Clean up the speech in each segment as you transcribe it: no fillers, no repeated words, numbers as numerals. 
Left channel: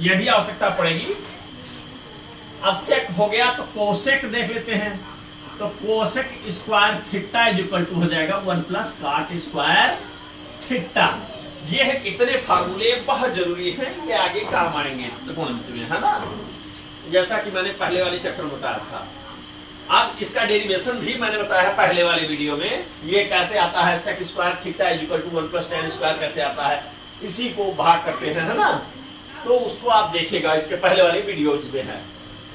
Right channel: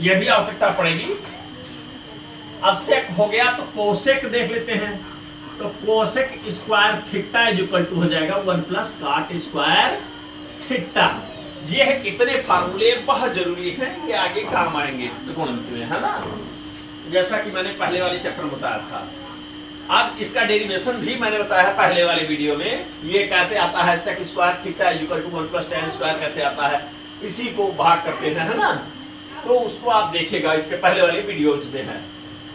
ये भी आवश्यकता पड़ेगी। अब सेक हो गया तो कोसेक देख लेते हैं। तो cosec square theta is equal to हो जाएगा 1 प्लस कॉट स्क्वायर थीटा। ये है कितने फार्मूले बहुत जरूरी हैं, ये आगे काम आएंगे त्रिकोणमिति में, है ना, जैसा कि मैंने पहले वाले चैप्टर में बताया था। अब इसका डेरिवेशन भी मैंने बताया है पहले वाले वीडियो में, ये कैसे आता है, sec square theta is equal to 1 plus tan square कैसे आता है, इसी को भाग करते हैं, है ना। तो उसको आप देखिएगा, इसके पहले वाले वीडियोज में है।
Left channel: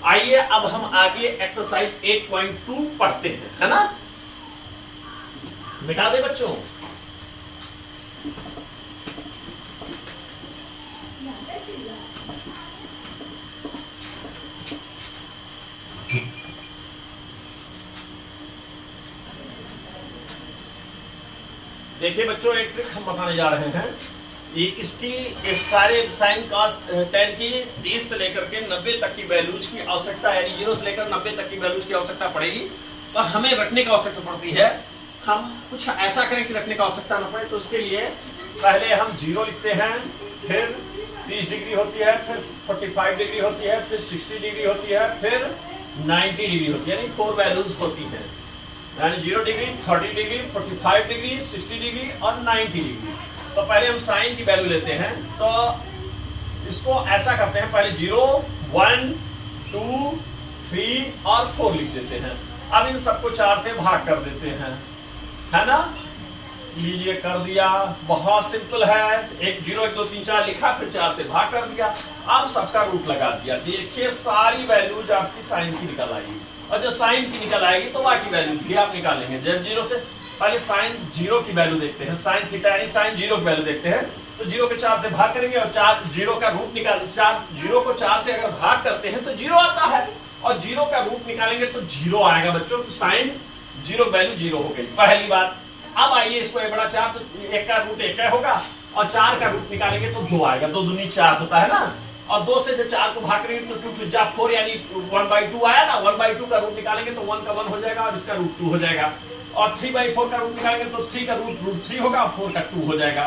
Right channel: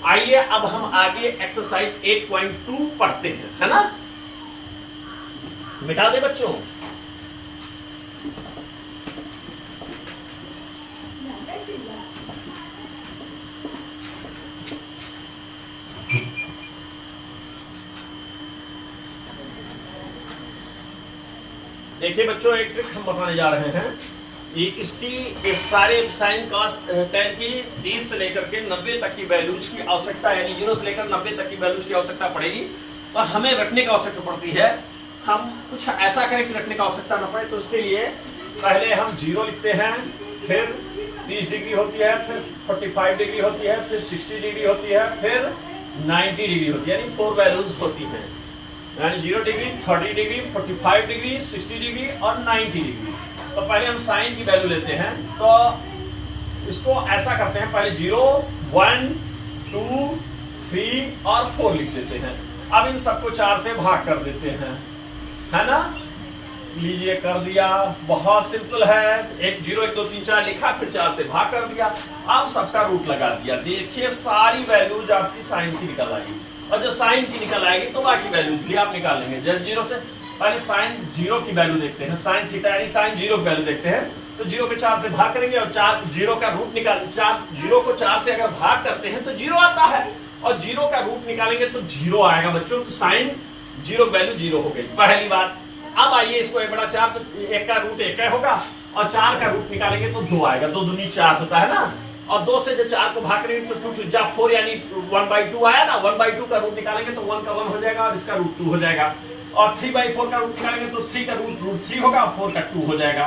आइए अब हम आगे एक्सरसाइज 8.2 पढ़ते हैं, है ना। मिटा दे बच्चों। देखिए बच्चों, एक ट्रिक हम बताने जा रहे हैं। ये इसकी इस सारे साइन कॉस tan की 30 से लेकर के 90 तक की वैल्यूज की आवश्यकता, यानी 0 से लेकर 90 तक की वैल्यूज की आवश्यकता पड़ेगी। तो हमें रखने की आवश्यकता पड़ती है। हम कुछ ऐसा करें कि रखने की आवश्यकता न पड़े, तो उसके लिए पहले हम 0 लिखते हैं, फिर 30 डिग्री होती है, फिर 45 डिग्री होती है, फिर 60 डिग्री होती है, फिर 90 डिग्री होती है, यानी 4 वैल्यूज होती है, यानी 0 डिग्री, 30 डिग्री, 45 डिग्री, 60 डिग्री और 90 डिग्री। तो पहले हम साइन की वैल्यू लेते हैं। तो इसको ऐसा करते हैं, पहले 0, 1, 2, 3 और 4 लिख देते हैं। अब इन सबको 4 से भाग कर देते हैं, है ना। लीजिए, कर दिया, बहुत सिंपल है। 1 0 1 2 3 4 लिखा, फिर 4 से भाग कर दिया। अब सबका रूट लगा दिया। देखिए सारी वैल्यूज आपकी साइन की निकल आएगी, और जब साइन की निकल आएगी तो बाकी वैल्यूज भी आप निकालेंगे। जब 0 से पहले साइन 0 की वैल्यू देखते हैं, साइन थीटा यानी साइन 0 की वैल्यू देखते हैं। तो 0 के 4 से भाग करेंगे और 0 का रूट निकाल 0 को 4 से अगर भाग करते हैं तो 0 आता है, और 0 का रूट निकालेंगे तो 0 आएगा बच्चों। तो साइन 0 वैल्यू 0 हो गई, पहली बात। अब आइए इसको 1 बटा 4, तो 1 का रूट 1 होगा, और 4 का रूट निकालेंगे तो 2 आएगा। 2 दूनी 4 होता है ना, और 2 से 4 को भाग करेंगे तो 2 जा 4, यानी 1/2 आया ना। 1/2 का रूट निकालेंगे तो 1 का 1 हो जाएगा, और इसका रूट 2 हो जाएगा। और 3/4 का रूट निकालेंगे तो 3 का रूट 3 होगा, 4 का 2 हो जाएगा।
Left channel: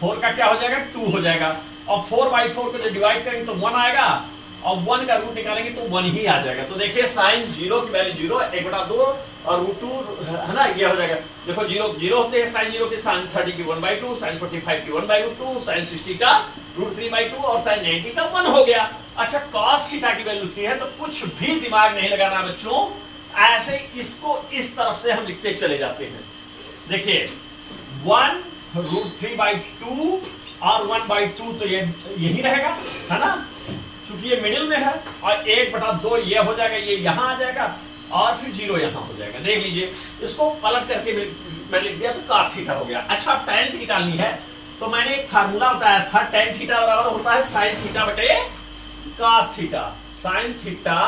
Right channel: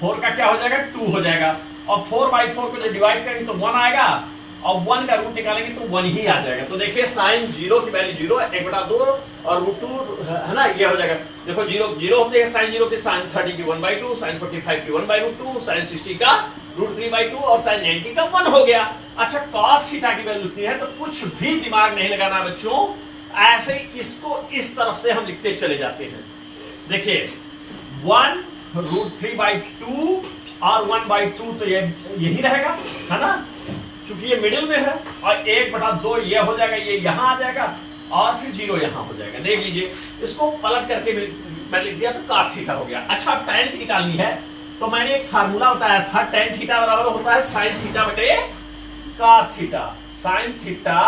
4 का क्या हो जाएगा, 2 हो जाएगा। और 4/4 को जब डिवाइड करेंगे तो 1 आएगा, और 1 का रूट निकालेंगे तो 1 ही आ जाएगा। तो देखिए साइन 0 की वैल्यू 0, 1/2 और रूट 2, है ना, ये हो जाएगा। देखो 0 होते हैं साइन 0 के, साइन 30 की 1/2, साइन 45 की 1/2, साइन 60 का रूट 3/2 और साइन 90 का 1 हो गया। अच्छा, cos थीटा की वैल्यू 3 है, तो कुछ भी दिमाग नहीं लगाना बच्चों, ऐसे इसको इस तरफ से हम लिखते चले जाते हैं। देखिए 1 रूट 3/2 और 1/2, तो ये यही रहेगा, है ना, चूंकि ये मिडिल में है। और 1/2 ये हो जाएगा, ये यहां आ जाएगा, और फिर 0 यहां हो जाएगा। देख लीजिए, इसको पलट करके मैं लिख दिया, तो cos थीटा हो गया। अच्छा, tan की निकालनी है, तो मैंने एक फार्मूला बताया था, tan थीटा बराबर होता है sin थीटा बटे cos theta. sin theta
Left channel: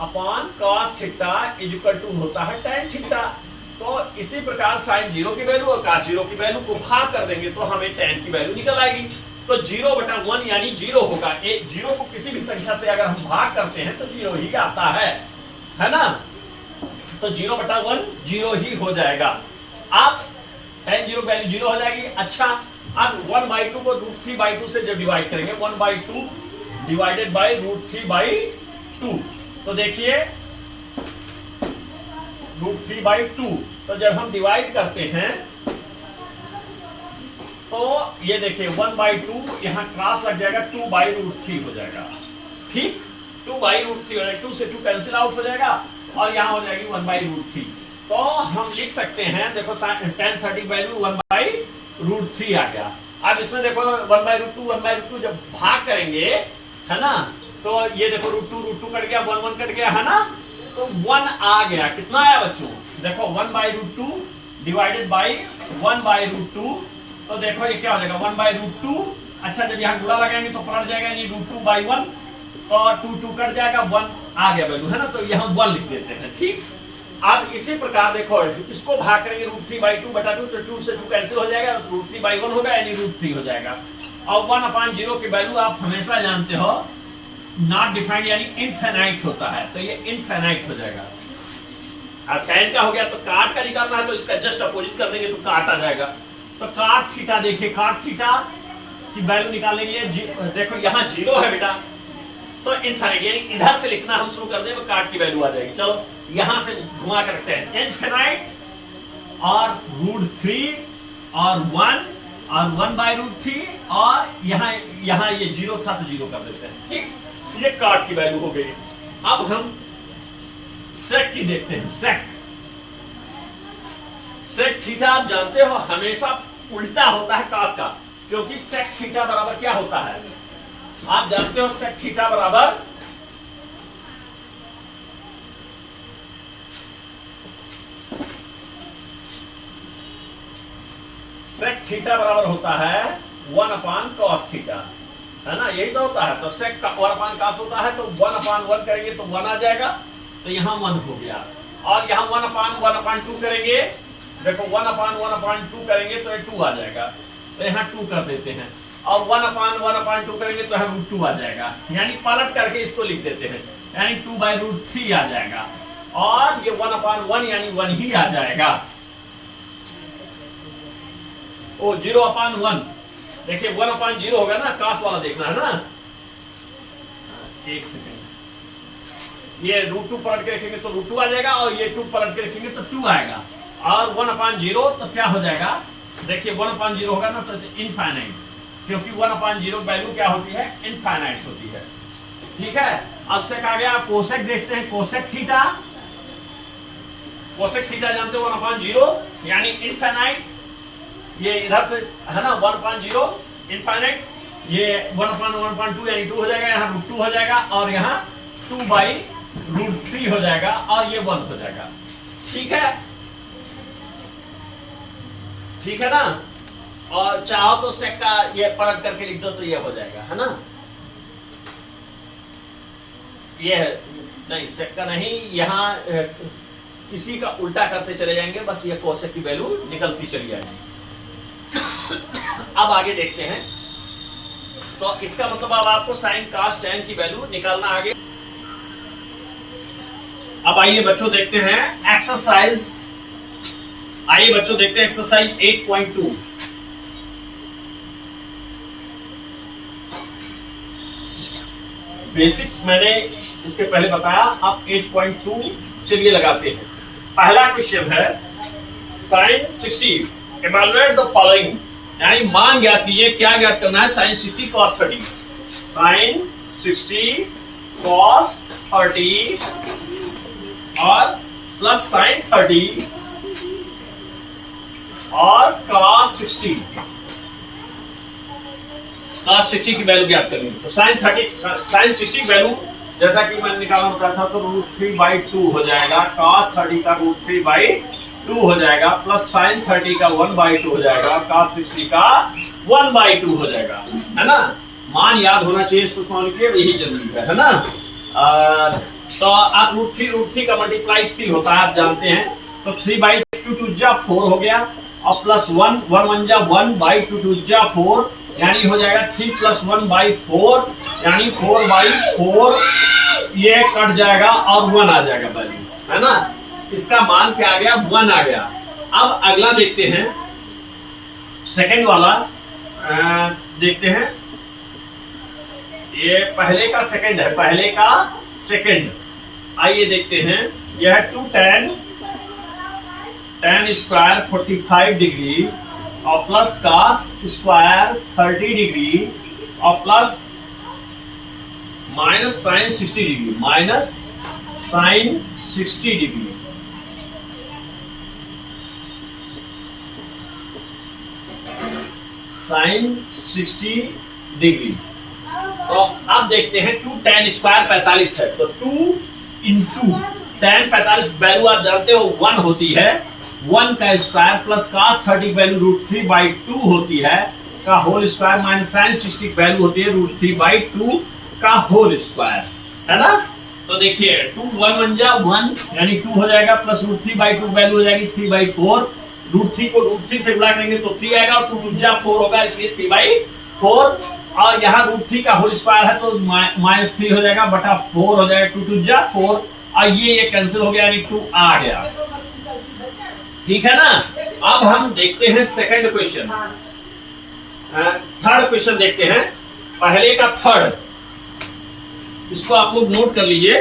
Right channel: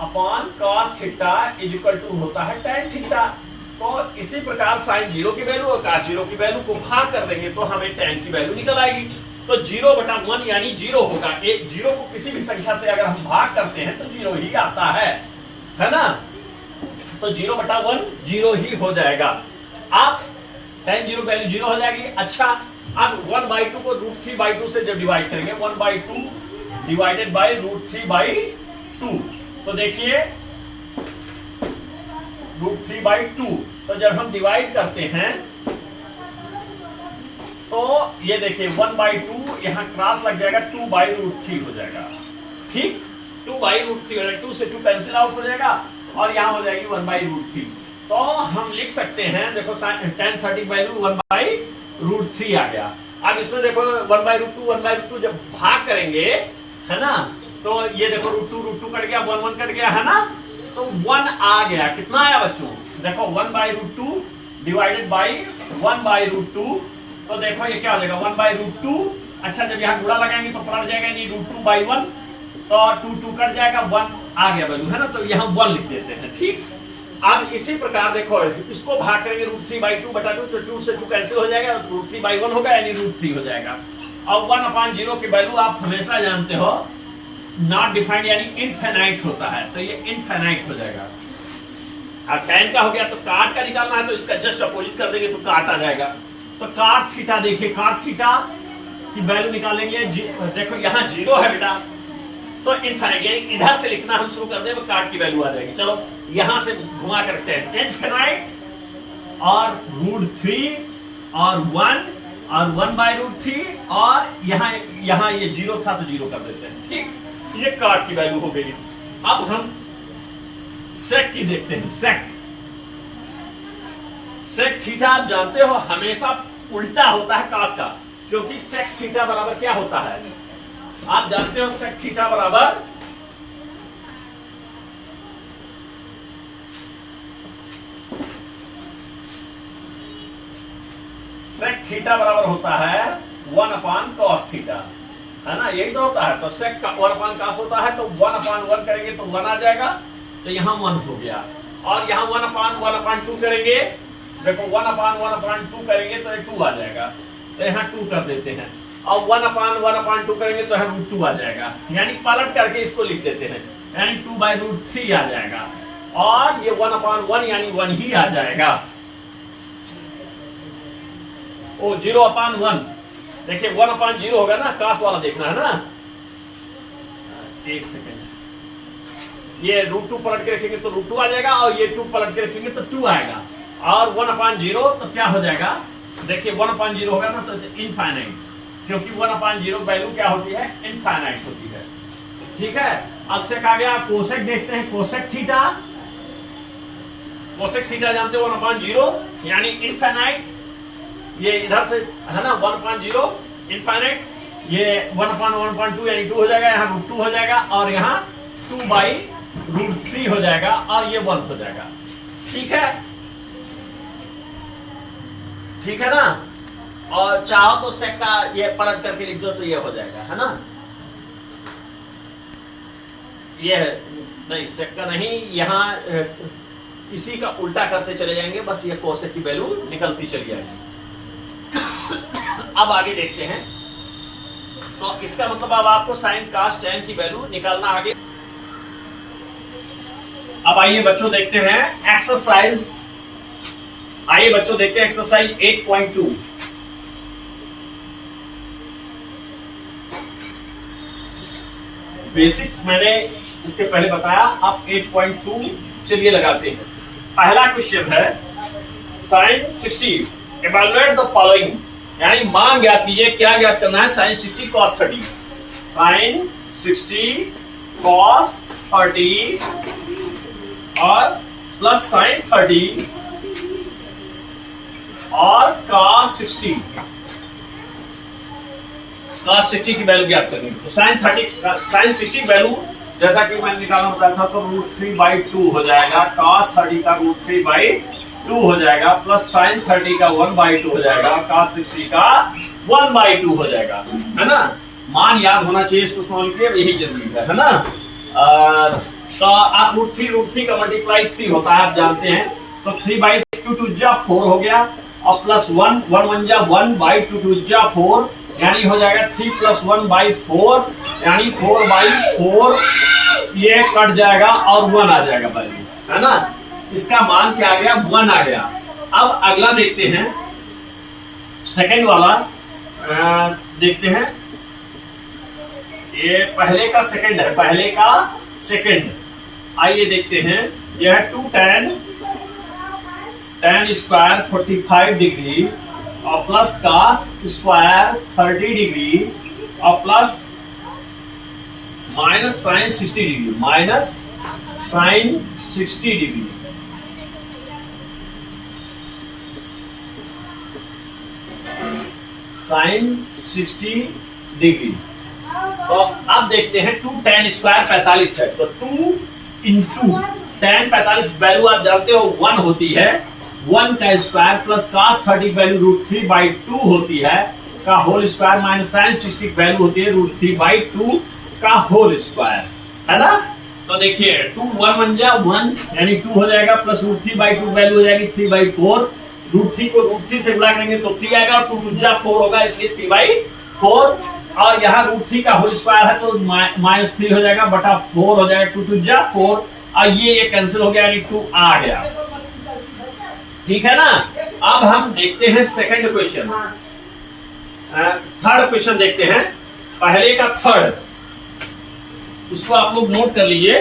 upon cos theta is equal to होता है tan थीटा। तो इसी प्रकार sin 0 की वैल्यू और cos 0 की वैल्यू को भाग कर देंगे तो हमें tan की वैल्यू निकल आएगी। तो 0/1 यानी 0 होगा। 0 को किसी भी संख्या से अगर हम भाग करते हैं तो 0 ही आता है ना। तो 0/1 0 ही हो जाएगा। अब tan 0 वैल्यू 0 हो जाएगी। अच्छा, अब 1/2 को रूट 3/2 से जब डिवाइड करेंगे, 1/2 डिवाइडेड बाई रूट 3/2, तो देखिए रूट 3/2, तो जब हम डिवाइड करते हैं तो ये देखिए 1/2 यहां क्रॉस लग जाएगा, 2/√3 हो जाएगा। ठीक, 2/√3 हो जाएगा, 2 से 2 कैंसिल आउट हो जाएगा, और यहां हो जाएगी 1/√3। तो हम लिख सकते हैं, देखो tan 30 वैल्यू 1/√3 आ गया। अब इसमें देखो 1/√2 जब भाग करेंगे, है ना, तो ये देखो √2 कट गया, 1 कट गया, है ना, तो 1 आ गया। कितना आया बच्चों, देखो 1/√2 डिवाइडेड बाई 1/√2, तो देखो ये क्या हो जाएगा 1/√2। अच्छा, जब यहाँ गुणा लगाएंगे तो पलट जाएगा, यानी √2/1, तो 2 कट जाएगा, 1 आ गया वैल्यू, है ना, तो यहाँ 1 लिख देते हैं। ठीक, अब इसी प्रकार देखो इसको भाग करेंगे √3/2 बटा 2, तो 2 से 2 कैंसिल हो जाएगा, √3/1 होगा, यानी √3 हो जाएगा। और 1/0 की वैल्यू आप हमेशा जानते हो नॉट डिफाइंड यानी इनफिनाइट होता है, तो ये इनफिनाइट हो जाएगा। अब tan का हो गया, तो काट का निकालना है, तो इसका जस्ट अपोजिट कर देंगे तो काट आ जाएगा। तो काट थीटा, देखिए काट थीटा की वैल्यू निकालने के लिए देखो यहाँ 0 है बेटा, तो इनफाइनाइट यानी इधर से लिखना हम शुरू कर दें तो काट की वैल्यू आ जाएगी। चलो यहां से घुमा कर रखते हैं, इनफाइनाइट और √3 और 1 और 1/√3 और यहाँ ये 0 था तो 0 कर देते हैं। ठीक, ये काट की वैल्यू हो गई। अब हम सेक की देखते हैं। सेक थीटा आप जानते हो हमेशा उल्टा होता है कास का, क्योंकि सेक थीटा बराबर क्या होता है आप जानते हो, सेक थीटा बराबर होता है 1/cos थीटा, है ना, यही तो होता है। तो सेक का 1/cos होता है, तो 1/1 करेंगे तो 1 आ जाएगा, तो यहां 1 हो गया। और यहां 1/1/2 करेंगे, देखो 1/1/2 करेंगे तो ये 2 आ जाएगा, तो यहां 2 कर देते हैं। और 1/1/2 करेंगे तो यहाँ √2 आ जाएगा, यानी पलट करके इसको लिख देते हैं, यानी 2/√3 आ जाएगा। और ये 1/1 यानी 1 ही आ जाएगा। ओ 0/1 देखिए 1/0 होगा ना, कास वाला देखना है ना। एक सेकेंड, ये √2 पलट के रखेंगे तो √2 आ जाएगा, और ये 2 पलट के रखेंगे तो 2 आएगा। और 1/0 तो क्या हो जाएगा, देखिए 1/0 होगा ना तो इनफाइनाइट, क्योंकि 1/0 वैल्यू क्या होती है, इनफाइनाइट होती है। ठीक है, अब सेक आ गया। कोसेक देखते हैं, कोसेक थीटा जानते हो 1/0 यानी इनफाइनाइट, ये इधर से है ना 1/0 इनफाइनाइट, ये 1/1/2 यानी 2 हो जाएगा, यहाँ √2 हो जाएगा, और यहाँ 2/√3 हो जाएगा, और ये 1 हो जाएगा। ठीक है ना। और चाहो तो सेक का ये पलट करके लिख दो तो ये हो जाएगा, है ना। ये नहीं, सेक का नहीं, यहाँ इसी का उल्टा करते चले जाएंगे, बस ये कोसेक की वैल्यू निकलती चली जाएगी। अब आगे देखते हैं, तो इसका मतलब अब आपको साइन cos tan की वैल्यू निकालना आगे। अब आइए बच्चों देखते हैं एक्सरसाइज, एक्सरसाइज 8.2। बेसिक मैंने इसके पहले बताया, अब 8.2 चलिए लगाते हैं। पहला क्वेश्चन है sin 60 इवैल्यूएट द फॉलोइंग, यानी मान ज्ञात कीजिए। क्या ज्ञात करना है, sin 60 cos 30, sin 60 cos 30 और प्लस sin 30 और cos 60 की वैल्यू ज्ञात करनी है। तो sin 60 की वैल्यू जैसा कि मैंने निकालना बताया था, तो √3/2 हो जाएगा, cos 30 का √3/2 हो जाएगा, प्लस sin 30 का 1/2 हो जाएगा, cos 60 का 1/2 हो जाएगा, है ना। मान याद होना चाहिए इसको समझ के, यही जरूरी है ना। तो आप √3 का मल्टीप्लाई 3 होता है, आप जानते हैं। तो 3/2 2 जा 4 हो गया, और प्लस 1 1 जा 1/2 2 जा 4, यानी हो जाएगा 3 + 1/4 यानी 4/4, ये कट जाएगा और 1 आ जाएगा वैल्यू, है ना। इसका मान क्या आ गया, 1 आ गया। अब अगला देखते हैं, सेकंड वाला देखते हैं। ये पहले का सेकंड आइए देखते हैं। यह 2 tan स्क्वायर 45 डिग्री और प्लस cos स्क्वायर 30 डिग्री और plus minus sin 60 degree, minus sin 60 degree. sin 60 degree. तो अब देखते हैं 2 tan स्क्वायर 45 है, तो 2 इंटू tan 45 वैल्यू आप जानते हो 1 होती है, 1 का स्क्वायर प्लस cos 30 वैल्यू √3/2 होती है का whole square, minus sin 60 value होती है √3/2 का होल स्क्वायर, है ना। तो देखिए 2 1 जा 1 यानी 2 हो जाएगा, प्लस √3/2 वैल्यू हो जाएगी 3/4, √3 को √3 से गुणा करेंगे तो 3 आएगा, और 2 2 जा 4 होगा, इसलिए 3/4। और यहाँ √3 का होल स्क्वायर है तो -3 हो जाएगा बटा 4 हो जाएगा, 2 2 जा 4, और ये कैंसिल हो गया, यानी 2 आ गया। ठीक है ना। अब हम देखते हैं सेकंड क्वेश्चन। थर्ड क्वेश्चन देखते हैं, पहले का थर्ड, इसको आप लोग नोट कर लीजिए।